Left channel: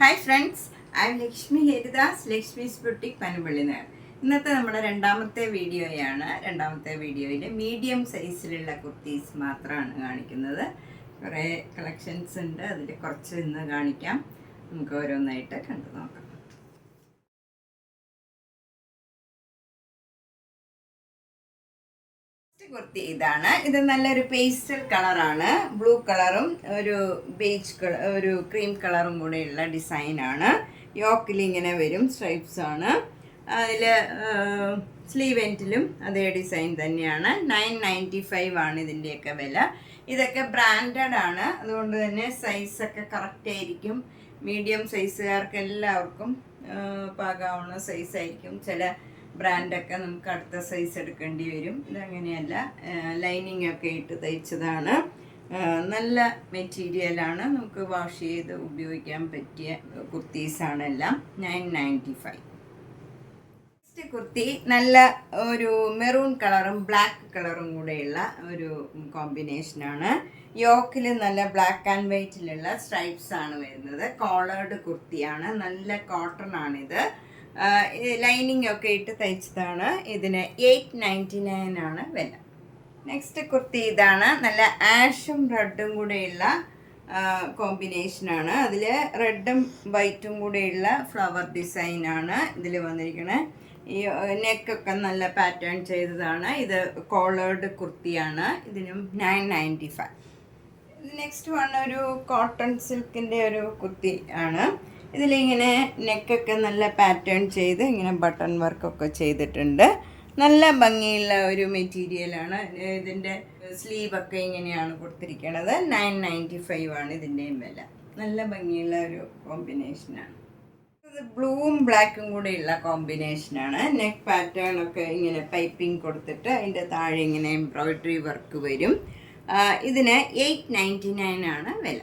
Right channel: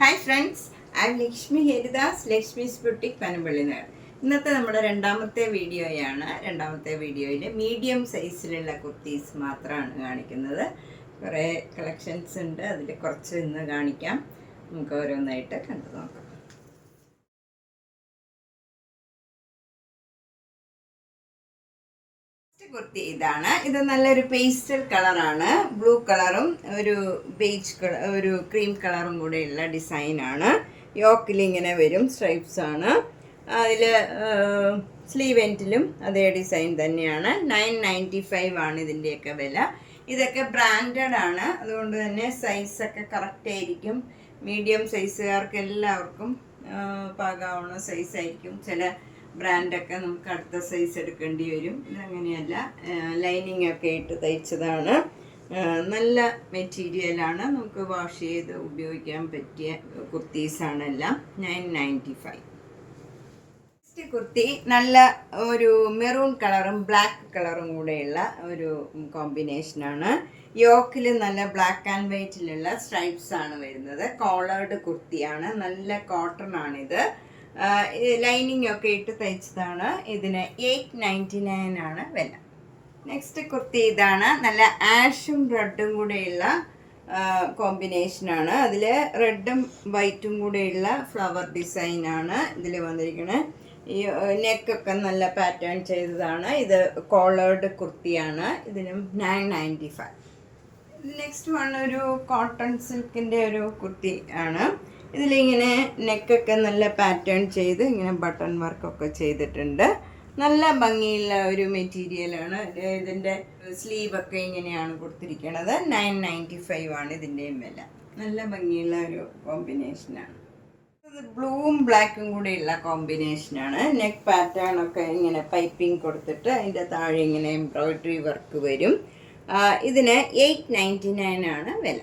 Hi friends, I am Lakshmi Haridas, Lakshmi's boutique Panampilly Nagar. ഇന്നത്തെ നമ്മുടെ രണ്ടാമത്തെ വീഡിയോയാണ്. രണ്ടാമത്തെ വീഡിയോയിൽ മീഡിയം സൈസിലുള്ള കുർത്തീസ് മാത്രമാണ് കാണിക്കുന്നത്. കുറേ കളക്ഷൻസ് ഉണ്ട്, അതിൽ കുറച്ച് ഇന്ന് കാണിക്കാം. നമുക്ക് ഓരോന്നായിട്ട് കണ്ടു നോക്കാം. കുർത്തി ഇതാണ്. ഇത് നല്ലൊരു പേസ്റ്റൽ കളറാണ്, ബ്ലൂ കളറും ഒരു ബേജ് കളർ, ഒരു ക്രീം കളറും കൂടെയുള്ള ഡിസൈനാണ്. യോക്കിൽ ഇങ്ങനെ വരും, സ്ട്രൈപ്സ് ആണ്. അതിൽ സ്ലീവ് എൻഡിലും അതേ ഡിസൈൻ തന്നെയാണ്. 995 ആണ് ഇതിൻ്റെയൊക്കെ വില. ഇതൊക്കെ ബ്രാൻഡഡ് ആണ്, അതുകൊണ്ട് തന്നെ സൈസൊക്കെ കറക്റ്റ് ആയിരിക്കും. മീഡിയം സൈസുകാർക്ക് എല്ലാവർക്കും പാകാവുന്ന സൈസായിരിക്കും. ചില ബ്രാൻഡൊക്കെ നമുക്ക് അടുത്ത സൈസ് എടുക്കേണ്ടി വരും. ഇതങ്ങനെയല്ല, ലൈനിങ് ഒക്കെ ഇട്ട് തയ്ച്ചതാണ്. നല്ല മെറ്റീരിയലാണ്, നമുക്ക് വാഷ് ചെയ്ത് ഉപയോഗിക്കാൻ പറ്റിയ കുർത്തീസാണ് എല്ലാം. 995. നെക്സ്റ്റ് കുർത്തി നല്ല ഒരു മെറൂൺ കളറും ബ്ലാക്ക് കളറും കൂടെയുള്ള ഒരു കോമ്പിനേഷനാണ്. യോക്കിൽ നല്ല ബ്ലാക്ക് ആൻഡ് വൈറ്റിലുള്ള സ്ട്രൈപ്സ് ആണ് വരുന്നത്. കോളേർഡ് കുർത്തിയാണ്, നല്ല കോട്ടൺ ആണിത്. ലൈനിങ് ഒക്കെ ഇട്ട് തയ്ച്ചതാണ്. ഇതിന് 899 ആണ് വില. നെക്സ്റ്റ് കുർത്തി ഇതാണ്. നല്ല ആഷും റെഡും കൂടെയുള്ള കോമ്പിനേഷനാണ്. അതിൽ റെഡും വൈറ്റും കൂടെയുള്ള ഫ്ലവർ ഡിസൈനാണ് ഇതിൽ വന്നിരിക്കുന്നത്. ഈ നെക്കൊക്കെ നല്ല പാറ്റേൺ ചെയ്തതാണ്. ഇത് കോളേർഡ് കുർത്തിയാണ്. ഇതിനും 995. നെക്സ്റ്റ് വൺ ഒരു കോട്ടൺ സിൽക്കിൻ്റെ ഒരു കുർത്തി ആണ്. ഇതിലിങ്ങനെ നെക്കൊക്കെ നല്ല പാറ്റേൺ ചെയ്ത് ഇങ്ങനെ ബട്ടൺ വർക്കൊക്കെ ചെയ്തിട്ടുണ്ട്. നല്ല ഭംഗിയുള്ള ഒരു മെറ്റീരിയലാണ്. ഇതിൻ്റെ സ്ലീവൊക്കെ ഇങ്ങനെയാണ് കൊടുത്തിരിക്കുന്നത്. 995 ആണ് ഇതിൻ്റെയും വില. നല്ല ഭംഗിയുള്ള ഒരു കോമ്പിനേഷനാണ്. ഇത് ബ്ലൂവും ബ്ലാക്കും കൂടെയുള്ള കോമ്പിനേഷനാണ്. നെക്ക് പാറ്റേൺ ഒക്കെ ഇങ്ങനെ പൈപ്പിംഗ് കൊടുത്തിട്ട് അതിൻ്റെ താഴെ ഇങ്ങനെ എംബ്രോയിഡറി വർക്ക് വരും. ഇതിന് 899 ആണ് വില.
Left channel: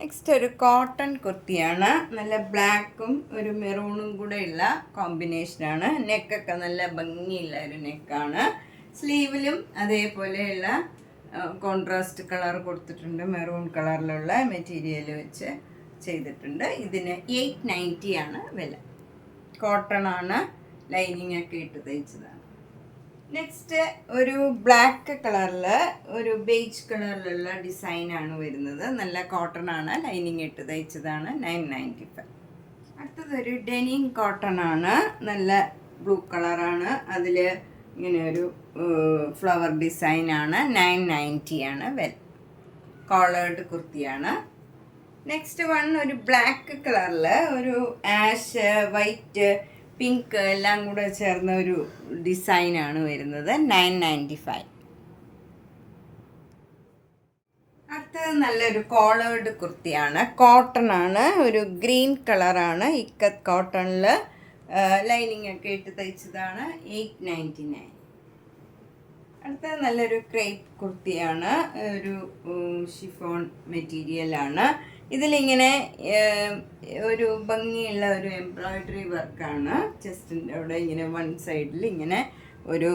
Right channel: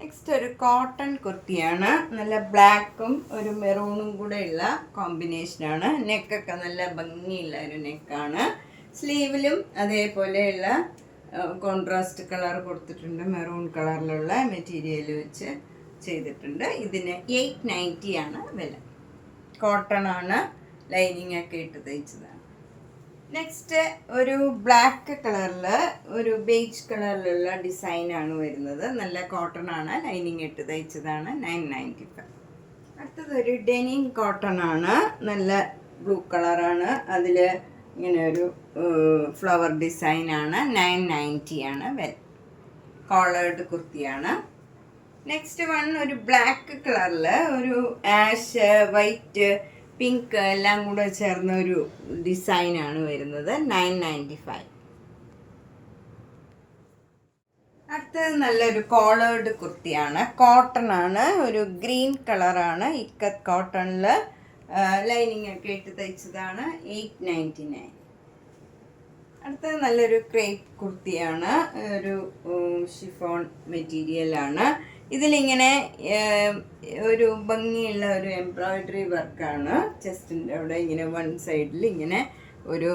നെക്സ്റ്റ് ഒരു കോട്ടൺ കുർത്തിയാണ്. നല്ല ബ്ലാക്കും ഒരു മെറൂണും കൂടെയുള്ള കോമ്പിനേഷനാണ്. നെക്കൊക്കെ നല്ല ഭംഗിയുള്ള ഒരു നെക്കാണ്. സ്ലീവിലും അതേപോലെയുള്ള കോൺട്രാസ്റ്റ് കളർ കൊടുത്തിട്ടുണ്ട്. മെറൂൺ കളറിലുള്ള മെറ്റീരിയൽ വെച്ച് ചെയ്തിട്ടുണ്ട്. ഇതിന് 890 ആണ് വില. കോട്ടൺ ആണ്, ലൈനിങ് ഒക്കെ ഇട്ട് തയ്ച്ചതാണ്. നെക്സ്റ്റ് ഒരു ബ്ലാക്ക് കളറിൽ ഒരു ബേജ് കളറിലുള്ള ഡിസൈനാണ് വരുന്നത്. നല്ല കോട്ടൺ ആണ്, ലൈനിങ് ഇട്ട് തയ്ച്ചതാണ്. 995. അടുത്തതൊരു ഡെനിം കോട്ടൺ ആണ്. നല്ല ബ്ലൂ കളറാണ്. അതിൽ ഇങ്ങനെ ഒരു ഫ്ലവർ ഡിസൈനാണ്. 990 ആണ് വില. കോളേർഡ് കുർത്തിയാണ്. നെക്സ്റ്റ് വൺ ഒരു ബ്ലാക്ക് കളറിൽ ഒരു ആഷ്, വൈറ്റ്, പിങ്ക് എല്ലാം കൂടെ ചേർന്ന ഒരു ഡിസൈനാണ് വരുന്നത്. 995. അടുത്തത് നല്ലൊരു കോളേർഡ് കുർത്തിയാണ്. കോട്ടൺ ആണ്, ഒരു ഗ്രീൻ കളറാണ്. ഇക്കത്ത് കോട്ടണിൽ ലൈനിങ് ഒക്കെ ഇട്ട് തയ്ച്ചതാണ്. 899. അടുത്തത് നല്ലൊരു ക്രേപ്പ് കുർത്തിയാണ്. ഒരു ഷിഫോൺ മെറ്റീരിയലാണ്. ഇതിലിങ്ങനെ ഒരു ഭംഗിയുള്ള ഒരു എംബ്രോയിഡറി വർക്കാണ്. ചെസ്റ്റിൻ്റെ അവിടെ ഇങ്ങനെ വൺ സൈഡിൽ ഇങ്ങനെ ഒരു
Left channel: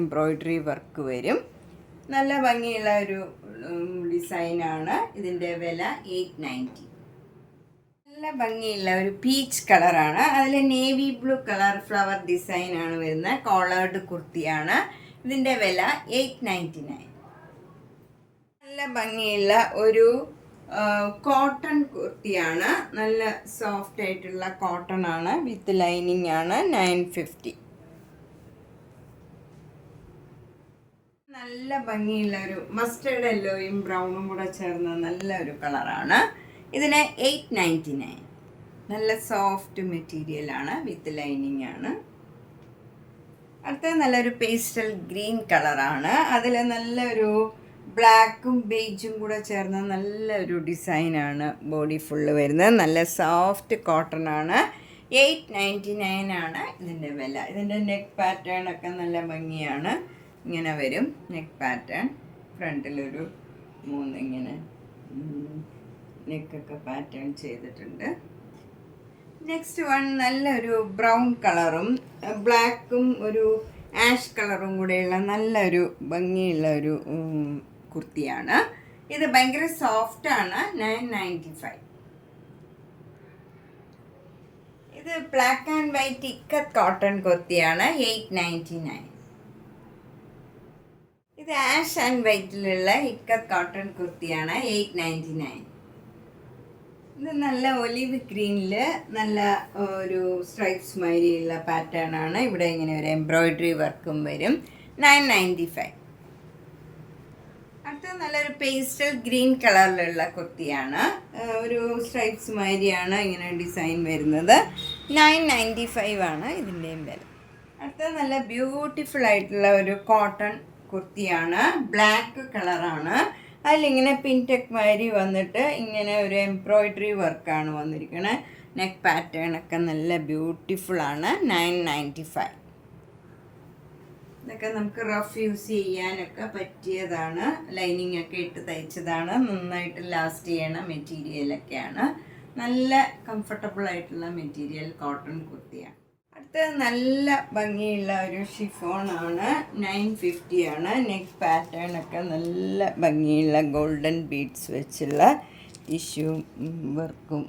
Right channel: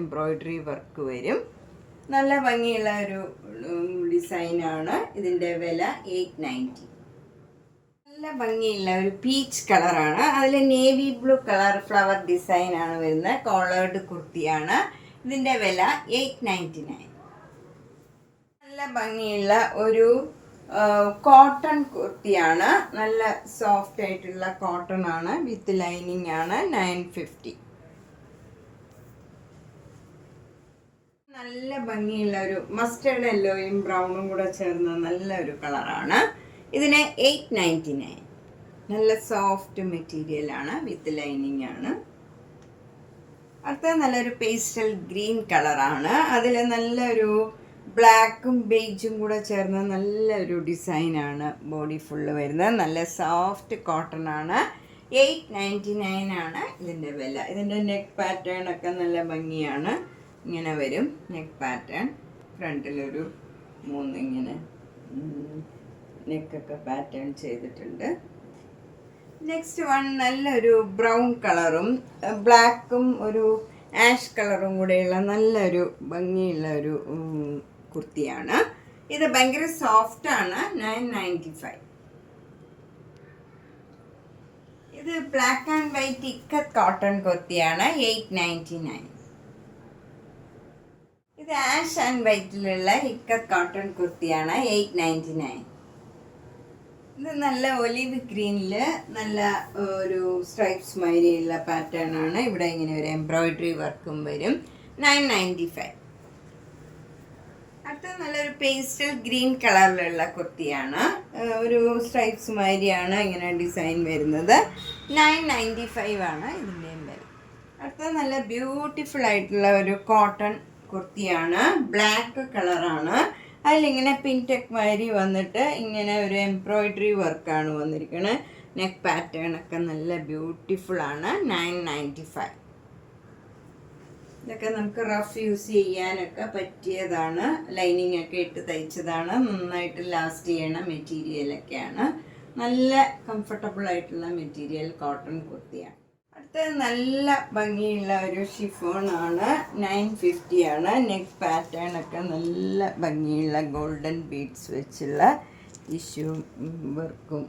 എംബ്രോയിഡറി വർക്ക് വരും. നല്ല ഭംഗിയുള്ള ഒരു ഡിസൈനാണ്. ഇതിൻ്റെ വില 890. നല്ല ഭംഗിയുള്ള ഒരു പീച്ച് കളറാണ്. അതിൽ നേവി ബ്ലൂ കളർ ഫ്ലവർ ഡിസൈനാണ് വരുന്നത്. കോളേർഡ് കുർത്തിയാണ്. ഇതിൻ്റെ വില 899. നല്ല ഭംഗിയുള്ള ഒരു കോട്ടൺ കുർത്തിയാണ്. നല്ല സോഫ്റ്റ് ആയിട്ടുള്ള കോട്ടൺ ആണ്, വിത്ത് ലൈനിങ് ആണ്. 950. നല്ല ഭംഗിയുള്ള ഒരു മസ്റ്റേർഡ് യെല്ലോയും ബ്രൗണും കൂടെ ചേർന്ന നല്ല ഒരു കളറാണ്. ഇതിന് 899. നല്ല സോഫ്റ്റ് മെറ്റീരിയലാണ്, വിത്ത് ലൈനിങ് ആണ്. അടുത്ത നല്ലൊരു പേസ്റ്റൽ ഗ്രീൻ കളറാണ്. അതിൽ നല്ലൊരു ബ്ലാക്കും ബേജും കൂടെ ചേർന്ന നല്ലൊരു ഡിസൈനാണ് ബോഡി ഫുള്ള് വരുന്നത്. നല്ല സോഫ്റ്റ് കോട്ടൺ ആണ്. 899 ആണ് ഇതിൻ്റെ വില. ഇതിൻ്റെ നെക്ക് പാറ്റേൺ ഒക്കെ നല്ല ഭംഗിയാണ്. ഇങ്ങനെ വരും നെക്ക് പാറ്റേൺ. ഫ്രണ്ടിലൊരു 3 ഇങ്ങനെ നെക്കൊക്കെ പാറ്റേൺ ചെയ്തിട്ടുണ്ട്. നെക്സ്റ്റ് വൺ നല്ലൊരു ബ്രൗൺ കളറും ബ്ലാക്കും ഒരു ആഷ് കളറും കൂടെയുള്ള നല്ലൊരു ഭംഗിയുള്ള ഒരു കുർത്തിയാണ്. ഇത് ഭയങ്കര സോഫ്റ്റാണ്. 995. ഇത് black and white ikat cotton കുർത്തിയാണ് 899. ഇത് ആഷ് ആൻഡ് വൈറ്റിലുള്ള ഇക്കത്ത് കോട്ടൺ കുർത്തിയാണ് 899. ഇത് നല്ല ഒലിവ് ഗ്രീനിൽ നല്ല ഒരു സ്ട്രൈപ്സ് മാതിരിയുള്ള പാറ്റേൺ ആണ്. ഇവിടെ ഇങ്ങനെ ഒരു എംബ്രോയിഡറി വർക്കും വരും. 995. അടുത്ത നല്ലൊരു പേസ്റ്റൽ ഗ്രീൻ കളറിലുള്ള കുർത്തിയാണ്. ഒരു സ്ട്രൈപ്സ് മാതിരിയാണ് ഇങ്ങനെ ഡിസൈൻ വരുന്നത്. 995 ആണ് ഇതിൻ്റെയും വില. അടുത്ത നല്ല ബ്യൂട്ടിഫുൾ ആയിട്ടുള്ള ഒരു കോട്ടൺ കുർത്തിയാണ്. ബ്ലാക്ക് കളറാണ്. അതിലിങ്ങനെ പിങ്ക് ടെക് മാതിരി വന്നിട്ട് ഇങ്ങനെ ഒരു എംബ്രോയിഡറി വർക്കാണ് വന്നിരിക്കുന്നത്. നെക്ക് പാറ്റേൺ ഒക്കെ നല്ല ബ്യൂട്ടിഫുൾ ആണ്. 995. ഇതൊക്കെ നമുക്ക് റഫ് യൂസ് ചെയ്യാനൊക്കെ പറ്റിയതാണ്. ലൈനിങ് ഒക്കെ ഇട്ട് തയ്ച്ചതാണ്. നന്നായിട്ട് ലാസ്റ്റ് ചെയ്യണ മെറ്റീരിയലൊക്കെയാണ്. നല്ല കംഫർട്ടബിൾ ആയിട്ടുള്ള മെറ്റീരിയൽ കോട്ടൺ കുർത്തിയാണ്. അടുത്തത് നല്ല ഭംഗിയുള്ള ഒരു ഷിഫോണാണ്. 950 ആണ്. നെക്ക് പാറ്റേൺ ഒക്കെ നല്ല ഭംഗിയുള്ള ഗോൾഡൻ ബീഡ്സ് വെച്ചുള്ള ടിഷ്യൂ വർക്കും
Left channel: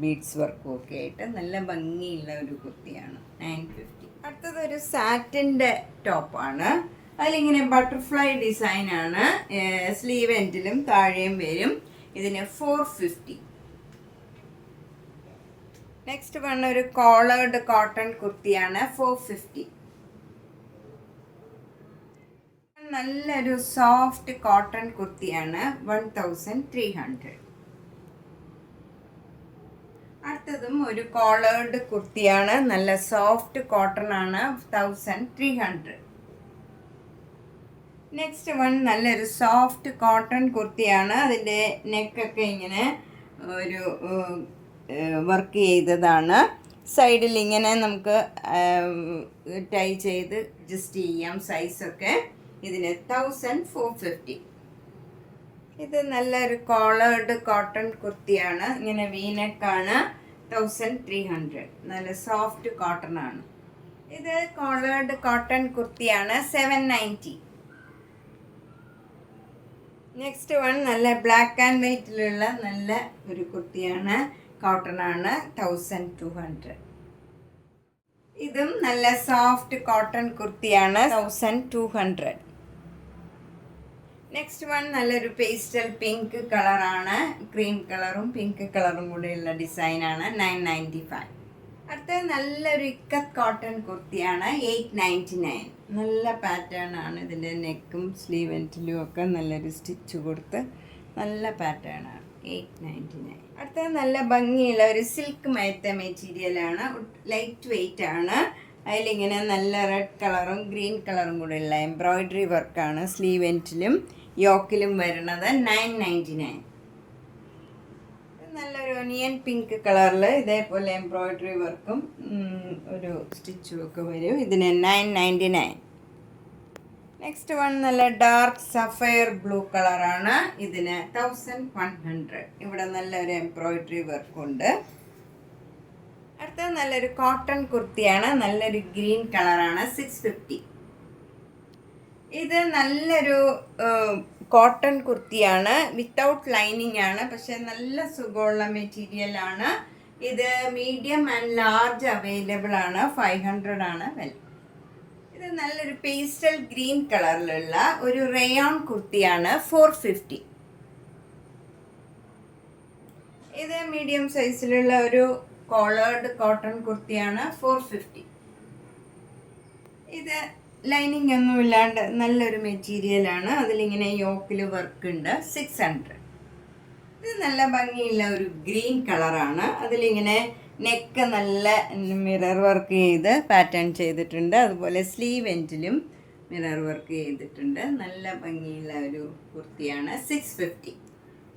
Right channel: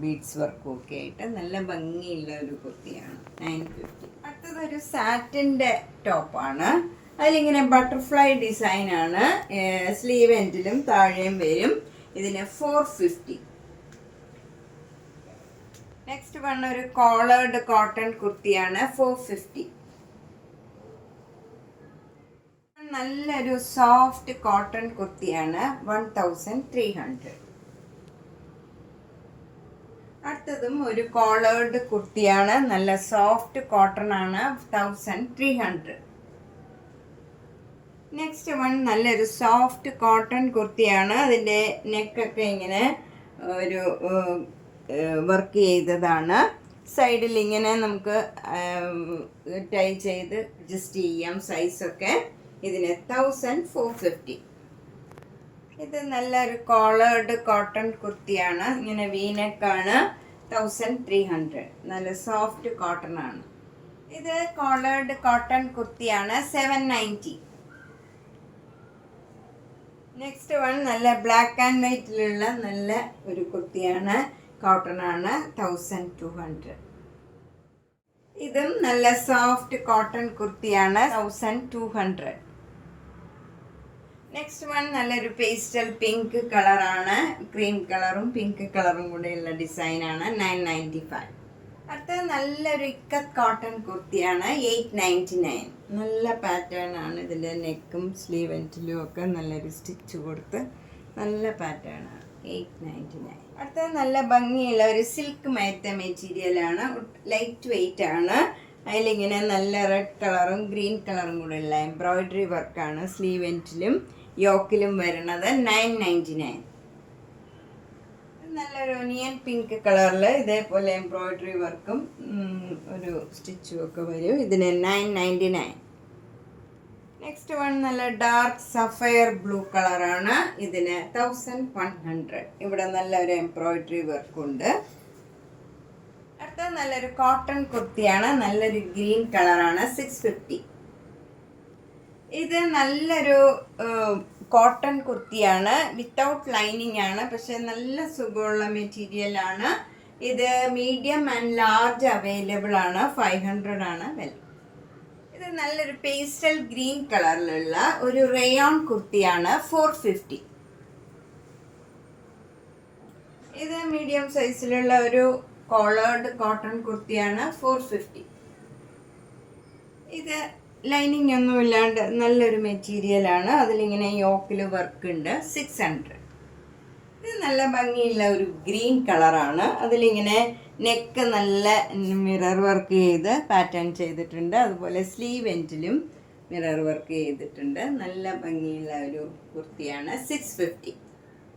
ബീഡ്സ് വർക്കും ഒക്കെ ആയിട്ട് നല്ല ഭംഗിയുള്ള ഒരു കുർത്തിയാണ്. 950. അടുത്തതൊരു സാറ്റിൻ്റെ ടോപ്പാണ്. അതിലിങ്ങനെ ബട്ടർഫ്ലൈ ഡിസൈനാണ്. സ്ലീവ് എൻഡിലും താഴെയും വരും. ഇതിന് 450. നെക്സ്റ്റ് വൺ ഒരു കോളേർഡ് കോട്ടൺ കുർത്തിയാണ്. 450. നല്ലൊരു സോഫ്റ്റ് കോട്ടൺ കുർത്തിയാണ്. 1300. അടുത്തതും ഒരു കോളേർഡ് കുർത്തിയാണ്. നല്ല സോഫ്റ്റ് കോട്ടൺ ആണ്. 1300. നെക്സ്റ്റ് വൺ നല്ലൊരു സോഫ്റ്റ് കോട്ടൺ കുർത്തിയാണ്. അതിൻ്റെ നെക്കൊക്കെ ഇങ്ങനെ ഒരു വർക്ക് ചെയ്തതാണ്. സൈഡിൽ ഇങ്ങനെ നമുക്ക് ടൈ ചെയ്ത് അഡ്ജസ്റ്റ് ചെയ്യാം സൈസൊക്കെ. ഇതിന് 1450. ഇത് നല്ലൊരു കോളേർഡ് കോട്ടൺ കുർത്തിയാണ്. ഇങ്ങനെ വീനെക്കാണ്. 1300. നല്ല സോഫ്റ്റ് കോട്ടൺ ആണ്. ഇത് കോളേർഡ് കോട്ടൺ കുർത്തിയാണ്. 790. നെക്സ്റ്റ് വൺ നല്ല ബ്ലാക്ക് ആൻഡ് വൈറ്റിലുള്ള നല്ല ഒരു കുർത്തിയാണ്. കോട്ടൺ ആണ്. 1200. ഇതും നല്ല സോഫ്റ്റ് കോട്ടൺ കുർത്തിയാണ്. 1200. നെക്സ്റ്റ് വൺ നല്ലൊരു പേസ്റ്റൽ പിങ്ക് കളറാണ്. ക്രീം കളറും പിങ്ക് കളറും കൂടെയുള്ള ഡിസൈനാണ്. 995. അടുത്തത് നല്ലൊരു ഇക്കത്ത് കോട്ടൺ കുർത്തിയാണ്. 899. നല്ല പാറ്റേൺ ആണ്. ഇതിൻ്റെ നെക്കും സ്ലീവ് എൻഡിലും ഒക്കെ നല്ലൊരു സ്റ്റിച്ച് കൊടുത്ത് നല്ല പാറ്റേൺ ആണ്. 899. അടുത്തത് നല്ല ഭംഗിയുള്ള ഒരു സിൽക്ക് മയത്ത മെറ്റീരിയലാണ്. ലൈറ്റ് വെയിറ്റ് ആണ്. അതിലിങ്ങനെ നല്ല റെഡ് കളറും ഗ്രീൻ കളറും കൂടെയുള്ള എംബ്രോയിഡറി വർക്കാണ് സ്ലീവ് എൻഡിലും യോക്കിലും വരുന്നത്. 999. നല്ലൊരു ഒനിയൻ പിങ്ക് കളറിൽ ഇതേപോലെ എംബ്രോയിഡറി വർക്കും ഒരു സ്റ്റിച്ചും ഒക്കെ വരും. ഇതിന് 999. നെക്സ്റ്റ് വൺ നല്ല ഡാർക്ക് സഫയർ ബ്ലൂ കളറാണ്. ഇതിന് 1100. ഇവിടെ നല്ലൊരു എംബ്രോയിഡറി വർക്കുണ്ട്. അടുത്തത് നല്ലൊരു കോട്ടൺ കുർത്തിയാണ്. നല്ലൊരു ഗ്രീൻ കളറാണ്. 650. ഇത് നല്ലൊരു കോട്ടൺ കുർത്തിയാണ്. വിത്തൗട്ട് ലൈനിങ് ആണ്. പക്ഷെ നല്ല സുഖമുള്ള മെറ്റീരിയലാണ്. ഇത് മീഡിയം ആൻഡ് ലാർജ് അവൈലബിൾ ആണ്. 500 ആണ് വില. ഇത് നല്ലൊരു പേസ്റ്റൽ ഗ്രീൻ കളറിലുള്ള ഒരു റേയോൺ കുർത്തിയാണ്. 450. ഇത് മീഡിയം സൈസിലുള്ള ഒരു കോളേർഡ് കോട്ടൺ കുർത്തിയാണ്. 450. ഇത് ലൈനിങ് ഒന്നും ഇല്ലാണ്ട് നല്ലൊരു മെറ്റീരിയലാണ്. അതിലിങ്ങനെ യോക്കിൽ വർക്ക് ഉണ്ട്. 600. ഇത് നല്ല ഭംഗിയുള്ള ഒരു ഗ്രീൻ കളറാണ്. അതിലിങ്ങനെ നെക്ക് നല്ല മിറർ വർക്ക് ചെയ്ത് പാറ്റേൺ ചെയ്തിട്ടുണ്ട്. അതുപോലെ സ്ലീവ് എൻഡിലും മിറർ വർക്ക് ചെയ്തിട്ടുണ്ട്. നല്ല ഭംഗിയുള്ള ഒരു കുർത്തിയാണ്. 650.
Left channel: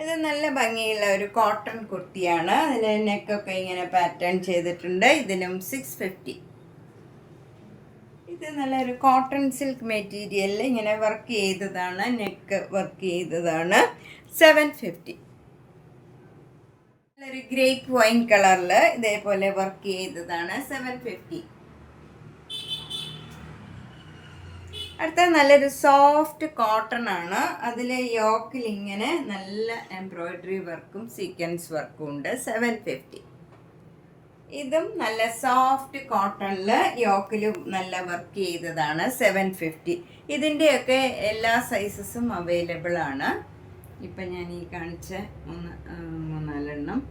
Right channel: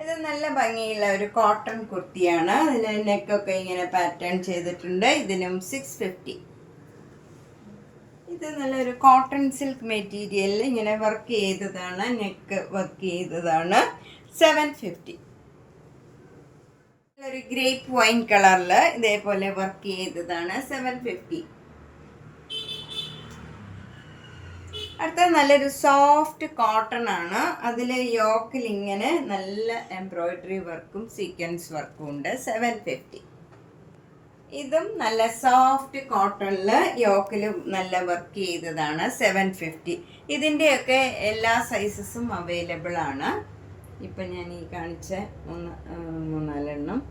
ഇത് നല്ല ഭംഗിയുള്ള ഒരു കോട്ടൺ കുർത്തിയാണ്. അതിന് നെക്കൊക്കെ ഇങ്ങനെ പാറ്റേൺ ചെയ്തിട്ടുണ്ട്. ഇതിനും 650. ഇത് നല്ലൊരു കോട്ടൺ സിൽക്ക് മെറ്റീരിയലിൽ ഇങ്ങനെ വർക്ക് ചെയ്തതാണ്. നെക്ക് വർക്ക് ചെയ്തതാണ്. 750. നല്ലൊരു ഗ്രേപ്പ് വൈൻ കളറിൽ ഇതേപോലെ വർക്ക് ചെയ്തതാണ്. 750. അടുത്ത നല്ലൊരു സോഫ്റ്റ് കോട്ടൺ ആണ്. അതിൽ യോക്കിൽ ഇങ്ങനെ നല്ല എംബ്രോയിഡറി വർക്കും സീക്വൻസ് വർക്കും ഉണ്ട്. 750. ഇതും നല്ല സോഫ്റ്റ് കോട്ടണിൽ യോക്കിൽ നല്ല വർക്ക് ചെയ്തതാണ്. 750. ഇതിൻ്റെയൊക്കെ എല്ലാ സൈസസും അവൈലബിൾ ആണ്. ഇപ്പം ഞാൻ ഈ കാണിച്ച 3-4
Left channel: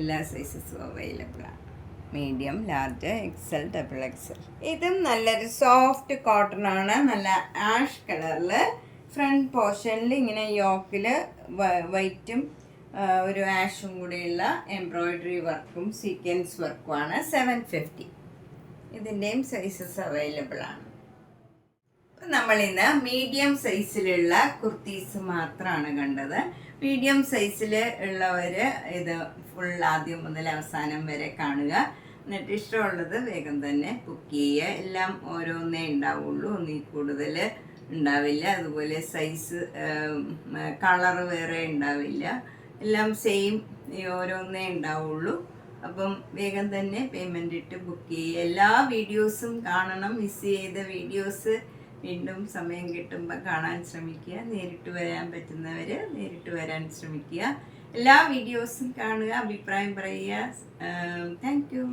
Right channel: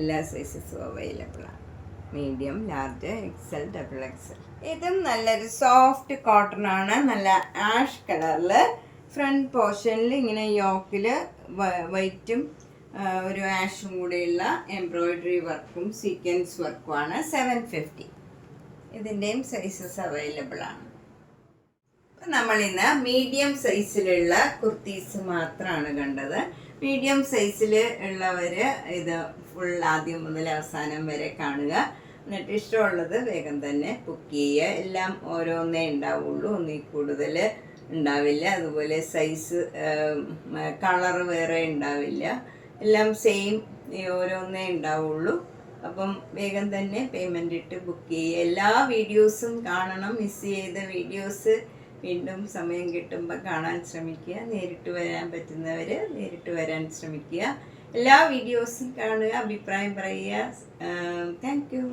എല്ലാ സൈസസും അവൈലബിൾ ആണ്. Medium, large, XL, XXL. ഇതും നല്ലൊരു സോഫ്റ്റ് കോട്ടൺ ആണ്. നല്ല ആഷ് കളറിൽ ഫ്രണ്ട് പോർഷനിൽ ഇങ്ങനെ യോക്കിൽ വൈറ്റും ഒരു ആഷും കൂടെയുള്ള എംബ്രോയിഡറി വർക്കും സീക്വൻസ് വർക്കുമാണ്. 750. ഇതിൻ്റെയും സൈസസ് അവൈലബിൾ ആണ്. നമ്മളിന്ന് മീഡിയം സൈസിലുള്ള കുർത്തീസ് മാത്രമാണ് കണ്ടത്. മീഡിയം സൈസിൽ ഉള്ളവർ ഇത് ഫുൾ ആദ്യം മുതൽ അവസാനം വരെ കാണുക. എന്നിട്ട് ഇഷ്ടമുള്ളത് വേഗം തന്നെ ബുക്ക് ചെയ്യുക. എല്ലാം ഓരോന്നേ ഉണ്ടാവുള്ളൂ, ഒന്നിൽ കൂടുതൽ ഉണ്ടാവില്ല. അതുപോലെ സൈസ് കളർ വേറെ ഉണ്ടാവില്ല. എല്ലാം സെയിം ഓരോന്നേ ഉണ്ടാവുള്ളൂ. അപ്പം വേഗം തന്നെ പേയ്മെൻ്റ് ഇട്ട് ബുക്ക് ചെയ്യുക. എല്ലാ വീഡിയോസും കാണണം. മിസ് ചെയ്ത വീഡിയോസ് വീണ്ടും സമയം കിട്ടുമ്പോൾ കാണാൻ ശ്രമിക്കുക. നേരിട്ട് വരാൻ പറ്റുന്നവർ നേരിട്ട് വരാൻ ശ്രമിക്കുക. എല്ലാ വീഡിയോസും കാണുക, അഭിപ്രായം പറയുക. Thank you.